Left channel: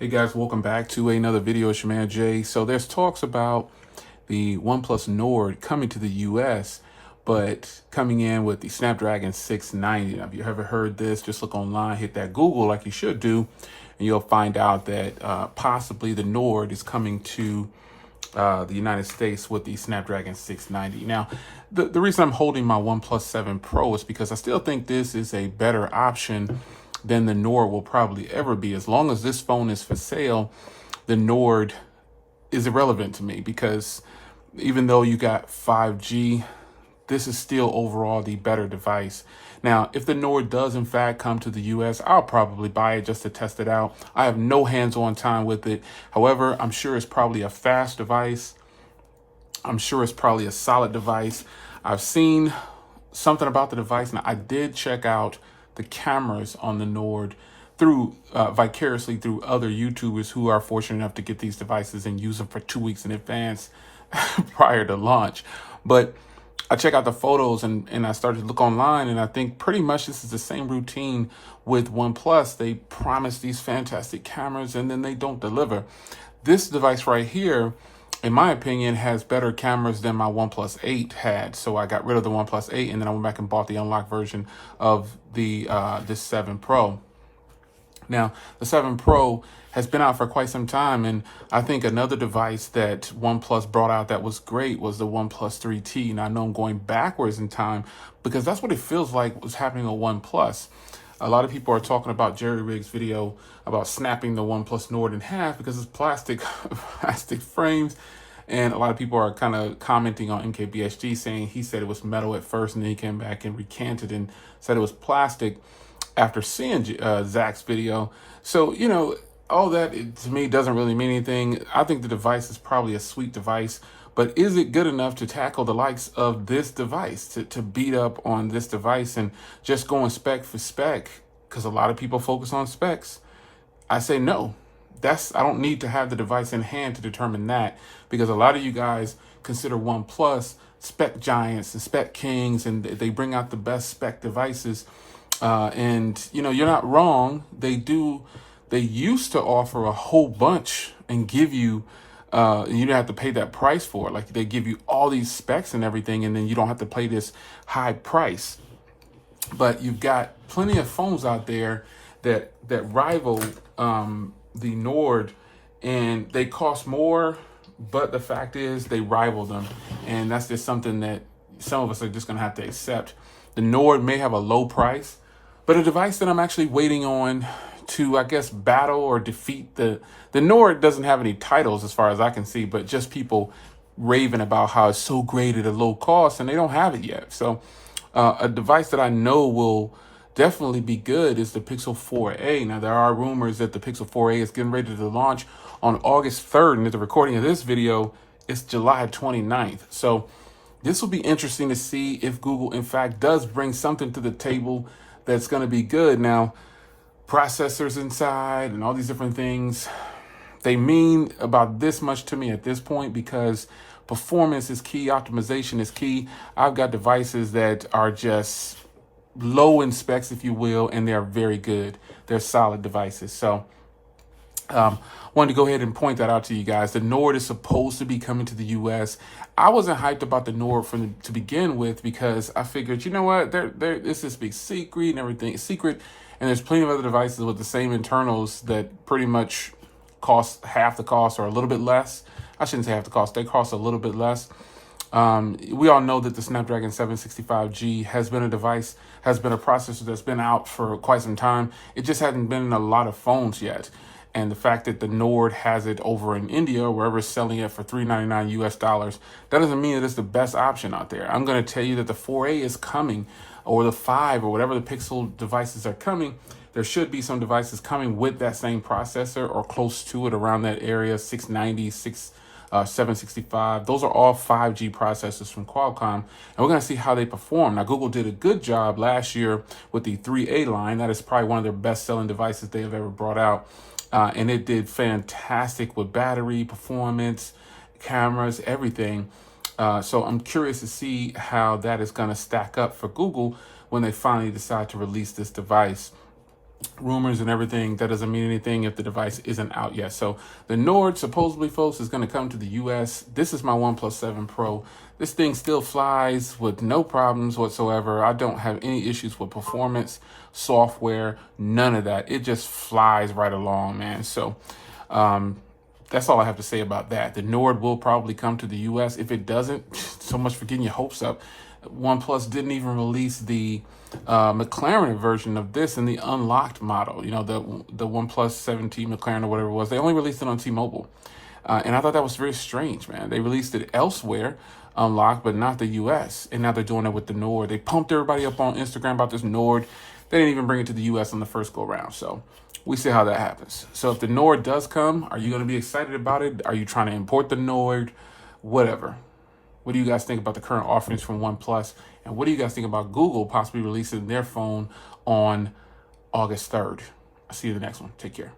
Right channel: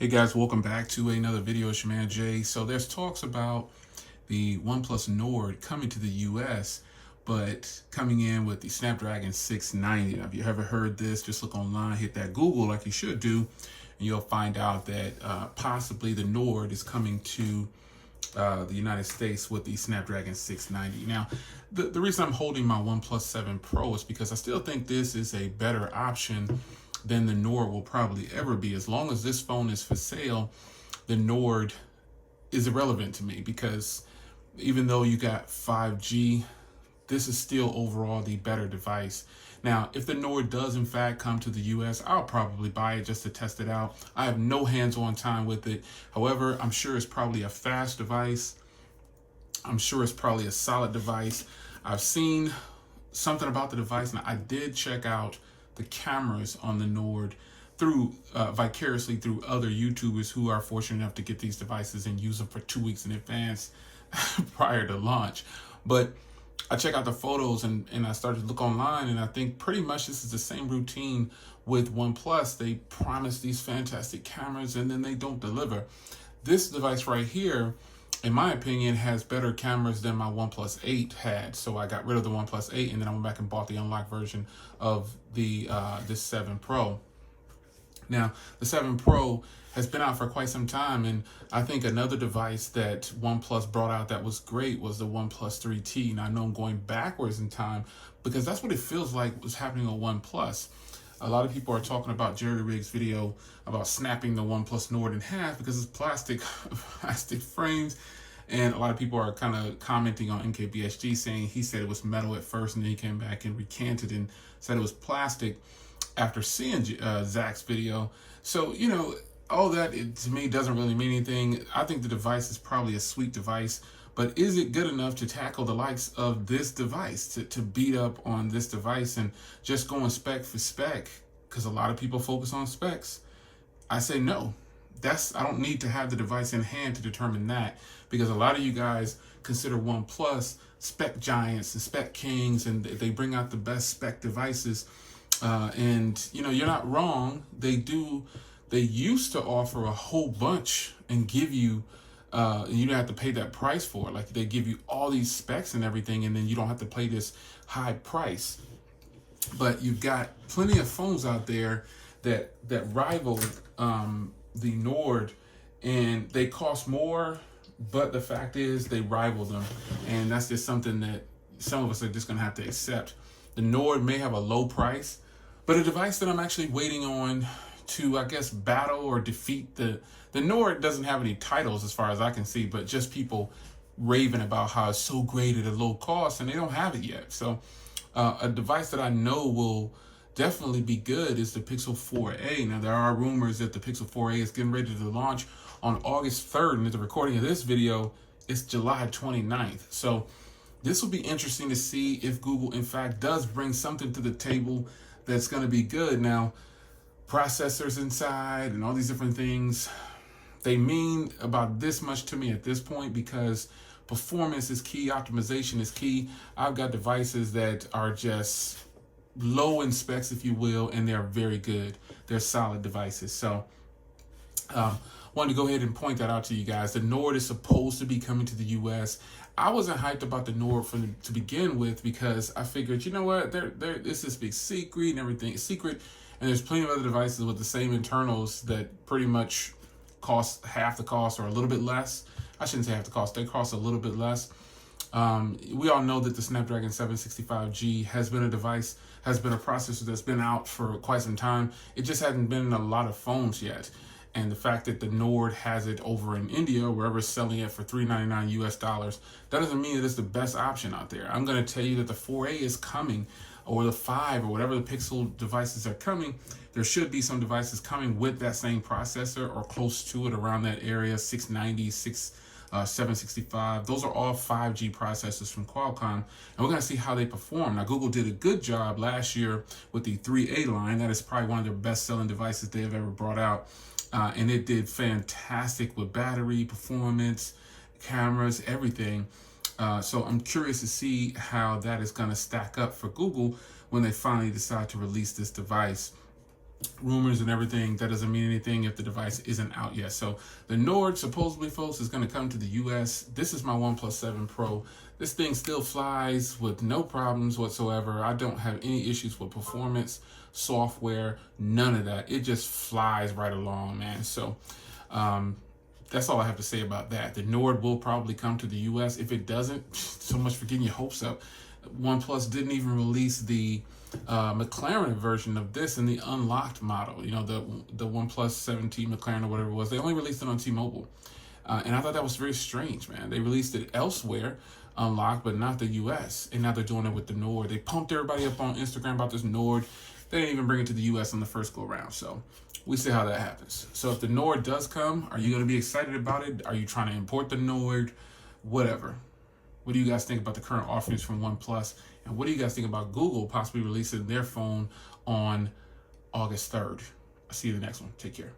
Hey guys, welcome back to another video. It's your man Jay. So there's talks about the OnePlus Nord coming to the US, but coming in with the Snapdragon 690. Now, if you ever heard this, just look online, hit that Google like you should do, and you'll find out that possibly the Nord is coming to the United States with the Snapdragon 690. Now, the reason I'm holding my OnePlus 7 Pro is because I still think this is a better option than the Nord will probably ever be. As long as this phone is for sale, the Nord is irrelevant to me because even though you got 5G, this is still overall the better device. Now, if the Nord does in fact come to the US, I'll probably buy it just to test it out. I have no hands-on time with it. However, I'm sure it's probably a fast device. I'm sure it's probably a solid device. I've seen something about the device. Now, I did check out the cameras on the Nord through vicariously through other YouTubers who are fortunate enough to get these devices and use them for 2 weeks in advance prior to launch. But I check out the photos and I started to look online, and I think pretty much this is the same routine with OnePlus. They promise these fantastic cameras and then they don't deliver. This device right here, in my opinion, has better cameras than my OnePlus 8 had. So I got rid of the OnePlus 8 and then I went back and bought the unlocked version of the this 7 Pro. Now, the 7 Pro has been out for quite some time, and I think another device that OnePlus brought out that was great was the OnePlus 3T. Now, I know I'm going backwards in time because that's what it feels like was happening on OnePlus. A lot of people are talking about Jerry Riggs' video about snapping the OnePlus Nord in half because it's plastic frames. And a lot of people are kind of commenting on MKBHD saying he said it was metal at first and then he came back and recanted and said it was plastic after seeing Zach's video. So, you know, all that to me doesn't really mean anything. I think the device is probably a sweet device, but is it good enough to tackle the likes of this device, to beat up on this device and just going spec for spec? Because a lot of people focus on specs. I say no. I don't need to have the device in hand to determine that, because a lot of you guys consider OnePlus spec giants and spec kings, and they bring out the best spec devices. And you know, you're not wrong. They used to offer a whole bunch and give you, you don't have to pay that price for it. Like they give you all these specs and everything, and then you don't have to pay this high price. But you've got plenty of phones out there that rival the Nord, and they cost more, but the fact is they rival them, and that's just something that some of us are just gonna have to accept. The Nord may have a low price, but a device that I'm actually waiting on to, I guess, battle or defeat the Nord doesn't have any titles as far as I can see, but just people raving about how it's so great at a low cost, and they don't have it yet. So a device that I know will definitely be good is the Pixel 4a. Now, there are rumors that the Pixel 4a is getting ready to launch on August 3rd, and at the recording of this video, it's July 29th. So this will be interesting to see if Google, in fact, does bring something to the table that's going to be good. Now, processors inside and all these different things, they mean about this much to me at this point because performance is key, optimization is key. I've got devices that are just low in specs, if you will, and they're very good. They're solid devices. So wanted to go ahead and point that out to you guys. The Nord is supposed to be coming to the US. I wasn't hyped about the Nord to begin with because I figured, you know what, it's this big secret and everything. Secret, and there's plenty of other devices with the same internals that pretty much cost half the cost or a little bit less. I shouldn't say half the cost. They cost a little bit less. We all know that the Snapdragon 765G has been a processor that's been out for quite some time. It just hadn't been in a lot of phones yet. And the fact that the Nord has it over in India, or wherever it's selling it for $399 US, that doesn't mean that it's the best option out there. I'm going to tell you that the 4A is coming, or the 5, or whatever the Pixel devices are coming. There should be some devices coming with that same processor or close to it, around that area, 690, 765. Those are all 5G processors from Qualcomm, and we're going to see how they perform. Now, Google did a good job last year with the 3A line. That is probably one of their best-selling devices they have ever brought out, and it did fantastic with battery, performance, cameras, everything. So I'm curious to see how that is going to stack up for Google when they finally decide to release this device. rumors and everything, that doesn't mean anything if the device isn't out yet. So the Nord, supposedly, folks, is going to come to the US. This is my OnePlus 7 Pro. This thing still flies with no problems whatsoever. I don't have any issues with performance, software, none of that. It just flies right along, man. So that's all I have to say about that. The Nord will probably come to the US. If it doesn't, so much for getting your hopes up. OnePlus didn't even release the McLaren version of this in the unlocked model. You know, the OnePlus 7T McLaren or whatever it was. They only released it on T-Mobile. And I thought that was very strange, man. They released it elsewhere, unlocked, but not the US. And now they're doing it with the Nord. They pumped everybody up on Instagram about this Nord. They didn't even bring it to the US on the first go round. So we see how that happens. So if the Nord does come, are you going to be excited about it? Are you trying to import the Nord? Whatever. What do you guys think about the current offerings from OnePlus? And what do you guys think about Google possibly releasing their phone on August 3rd? I'll see you in the next one. Take care.